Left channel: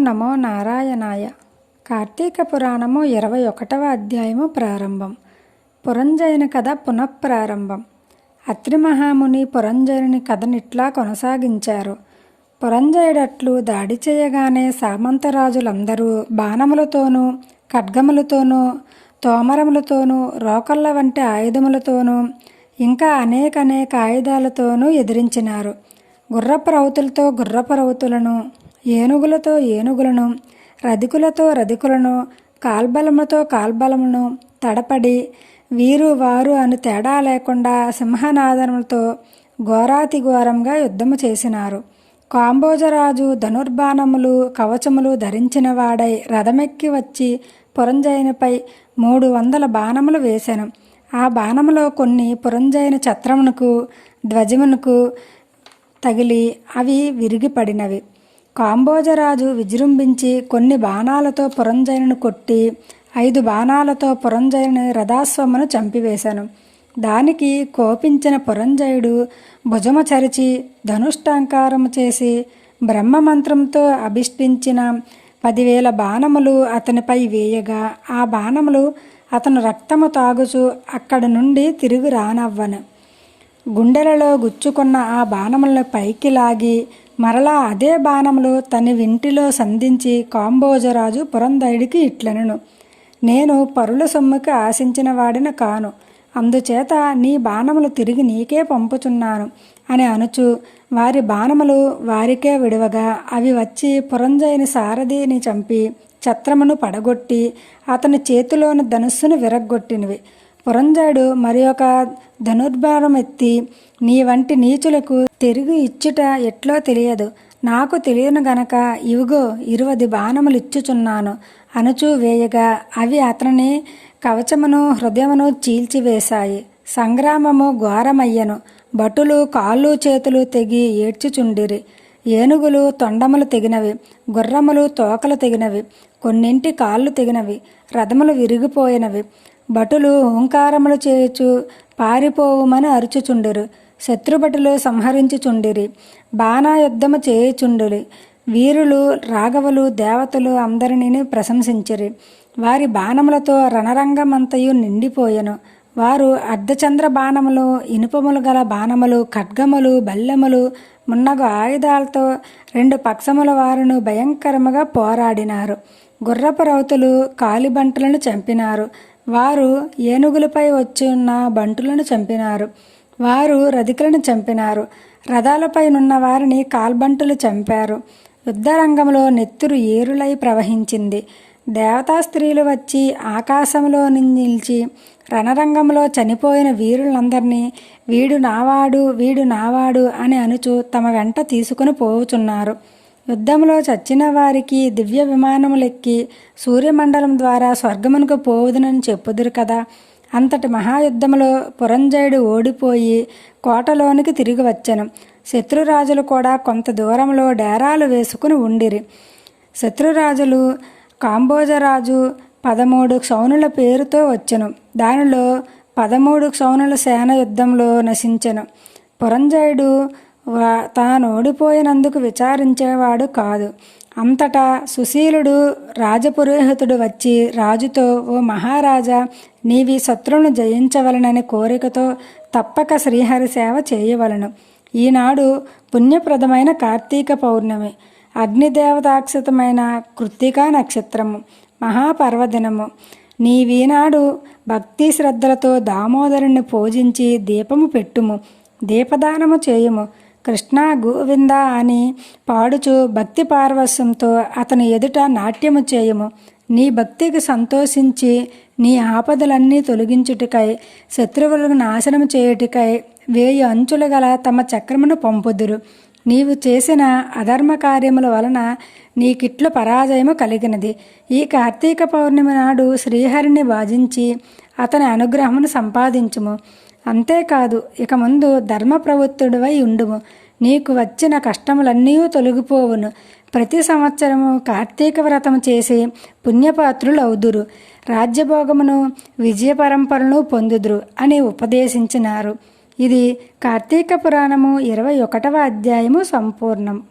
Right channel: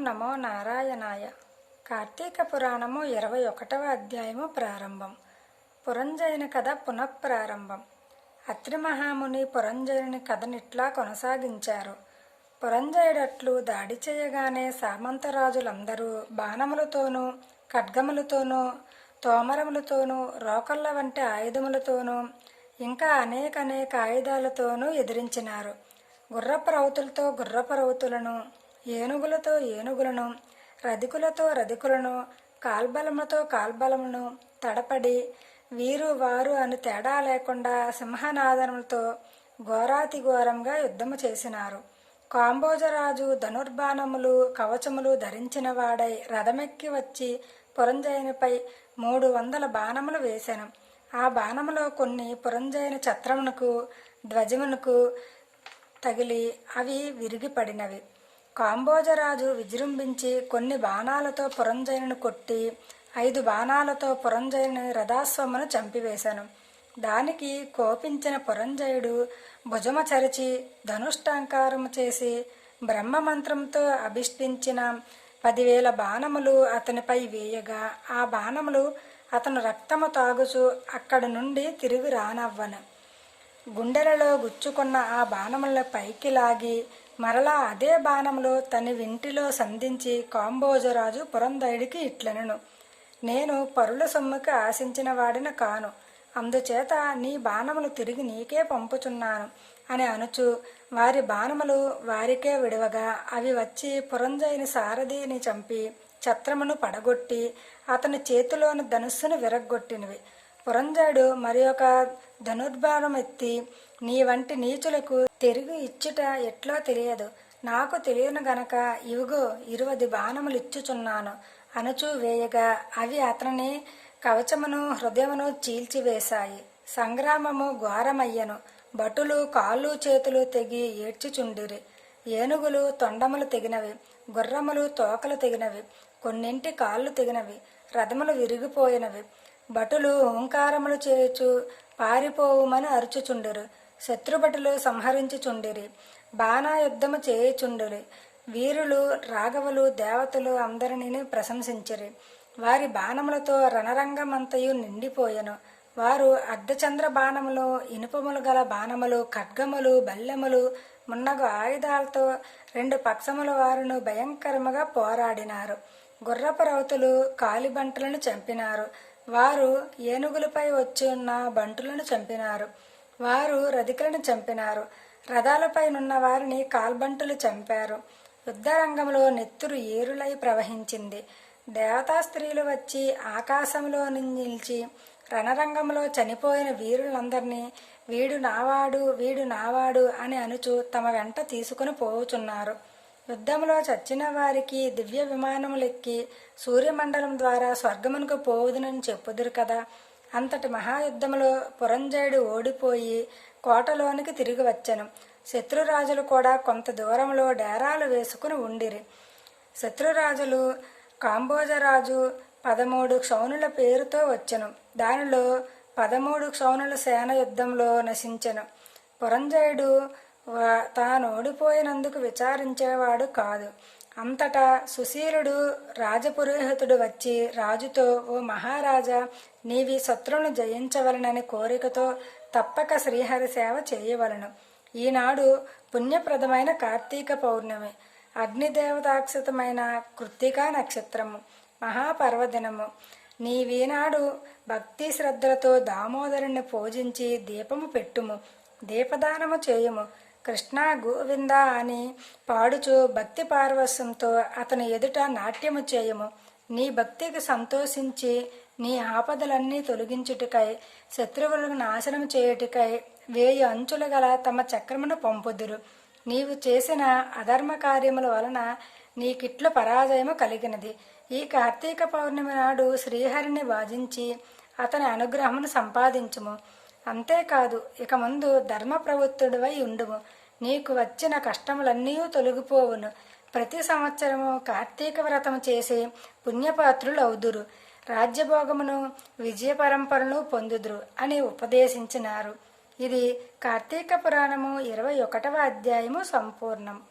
నమో నారాయణాయ. కార్తీక పురాణము ఇరవై ఒకటవ అధ్యాయము ప్రారంభం. పురంజయుని కథ పునఃప్రారంభం. అత్రి మహాముని పురంజయుని కథనిట్లా కొనసాగించారు. పురంజయుడట్లు దాడి చేయగానే సామంతరాజులందరూ బాణములతోనూ ఖడ్గములతోనూ తోమరములతోనూ రోకళ్ళ వంటి ఆయుధములతోనూ ఇంకా అనేక అనేక ఆయుధాలతోనూ ఎదిరించినారు. గుర్రపు రౌతులతో గుర్రపు రౌతులను ఏనుగులతో ఏనుగులను రధికులతో రధికులను కాల్బలముతో కాల్బలమును తడపడి వీరు వారు అను తేడా లేకుండా సింహనాదములతో ఘోరాతి ఘోరంగా యుద్ధము చేసినారు. కాంబోజరాజు ధనుర్బాణములు కవచములు ధరించిన వాడై రథమెక్కి వచ్చి పురంజయునిపై మూడు వందల బాణములు వేశాను ఆ బాణములో కొన్ని పురంజయుని ఛత్రమునకు ధ్వజమునకు తగిలి అవి విరిగిపడినవి. కాంబోజరాజు విజృంభించి కొన్ని బాణాలతో పురంజయుని కొట్టి ఐదు బాణాలతో పురంజయుని రథాస్వమును చంపివేశాను. దానికి కోపించిన పురంజయుడు భుజమ చరిచి ధనుష్టాంకారము చేసి బ్రహ్మమంత్రంతో అభిష్టించిన పదివేల బాణములు అతనిపై వేయగా ఆ బాణములు అతను రక్తము తాగుచు అక్కడి నుండి తిరిగి రానవ్వను. గుండెలలో గుచ్చుకున్న ఆ బాణములను పైకి లాగి మరలా అదే బాణములు తన వింటిలో సంధించి కాంబోజరాజు పురంధైడికి ఇట్లనెను. నేను పరుల సొమ్ముకి ఆశించిన వాడిని కాను. అందుచేత నీ బాణములు తిరిగి నీకే పంపుచున్నాను అని అనుచు వారి బాణములు వారికే విడవగా అవి వచ్చి పురంజయుని సారథిని చంపి ఛత్రమును పడగొట్టి అతని చేతిలోని ధనుస్సును విరగ్గొట్టినవి. పురంజయుడు మరి ఒక ధనుర్బాణం ఎత్తి నీ వంటి నీచులకు తిరిగి ఇచ్చుట ఎట్లో తెలియదు. నాకు తెలియను గనక ఇవిగో ఇరువది బాణములు ఇచ్చుచున్నాను అనుచూ వేయగా అవి అతని కవచమును హృదయమును చీల్చివేశాయి. సంగ్రామము ఘోరమయ్యను. భటులు కాళ్ళు చేతులు తెగి ఏడ్చుచుండిరి. ఏనుగులు తొండములు తెగినవి. గుర్రములు తోకలు తెగినవి. కొన్నింటి కాళ్ళు తెగినవి. రథములు విరిగిపోయినవి. భటులు ఓంకారములు చేయుచు పారిపోవుమని అరుచుచుండిరు. శత్రుభటులు సంహరించుచుండిరి బాణాయుద్ధము చేయుచుండిరి. వీరులు రాఘవులు దేవతలు అందరినీ ప్రశంసించిరి. వారి బాణములతో రణరంగమంతయు నిండిపోయెను. వారు అర్ధచంద్ర బాణములు ఇనుపములు గల బాణములు ఖడ్గములు బల్లెములు మున్నగు ఆయుధాలతో రెండు పక్షముల వారును భయంకరముగా పోరాడినారు. గుర్రపు రౌతులు కాలిబంటులను చంపినారు. వారు ఏనుగులపై వచ్చి ఉన్న బంటులను చంపినారు. వారు రధికులను చంపినారు. రథాలపైనున్న వారిని కాల్బంటులు చంపారు. యుద్ధరంగంలో నెత్తురు ఏరులై ప్రవహించింది. దేవతా స్త్రీలు వచ్చి ఆకాశంలో నిలిచి రణరంగంలో చనిపోయిన వీరులందరినీ వీడు నావాడు వీడు నావాడు అని అనుచు తమ వెంట తీసుకుని పోవుచున్నారు. యుద్ధంలో చచ్చిన వారికి దివ్య విమానములెక్కి సూర్యమండలం ద్వారా స్వర్గమునకు పోవుదనని చెప్పుదురు కదా. అంతటి మహాయుద్ధములో పురంజయుడు ఓడిపోయి కోటలోనికి తిరిగి వచ్చెను. శత్రురాజులు కూడా కొంత దూరంలో డేరాలు వేసుకుని ఉండిరి. శత్రురాజులు కాంబోజరాజు పదమూడు క్షౌనుల పేరుతో వచ్చెను. దానిలో పదమూడు క్షౌనుల సేన యుద్ధంలో నశించెను. పురంజయుడు తాను ఓడిపోయినందుకు విచారించేవాడు కాదు. అంతటా సుశీలుడు రాజపురోహితుడు వచ్చి రాజుతో ఓ మహారాజా నీవి శత్రువును జయించవలనని కోరికతో తప్పక శ్రీహరి సేవ చేయవలను. ఈనాడు పుణ్యప్రదమైన కార్తీక పౌర్ణమి. అగ్నిదేవతాక్షితమైన కృత్తికా నక్షత్రము. మహాపర్వదినము. నీవీనాడు భక్తి శ్రద్ధలతో దామోదరుని పూజించి దీపము పెట్టుము. దీపదానము చేయుము. కృష్ణ గోవింద అని పాడుచు భక్తి పార్వశ్యంతో అతని ఎదుట నాట్యము చేయము. నీ భక్తికి సంతోషించి నీ ఆపదలన్నీ తొలగించుటకై శత్రువులను నాశనం చేయుటకై వేయి అంచుల గల తమ చక్రమును పంపుదురు. నీవు చేసిన అధర్మ కార్యముల వలన నీకిట్లు పరాజయము కలిగినది. ఈ కార్తీక పౌర్ణమి నాడు శ్రీహరిని భాజించి అతని అనుగ్రహమును సంపాదించుము. అంతేకాదు ఇక ముందు ధర్మ ప్రవృత్తుడివై ఉండుము. నీకు వచ్చిన కష్టములన్నీ తొలగిపోవును. ప్రతి సంవత్సరము కార్తీక వ్రతం చేసి పుణ్యపాత్రులు అవుదురు రాజ్యభోగమును విజయ పరంపరను పొందుదురు అని ఉపదేశించినారు. ఇది కార్తీక పురాణము ఇరవై ఒకటవ అధ్యాయము సంపూర్ణం.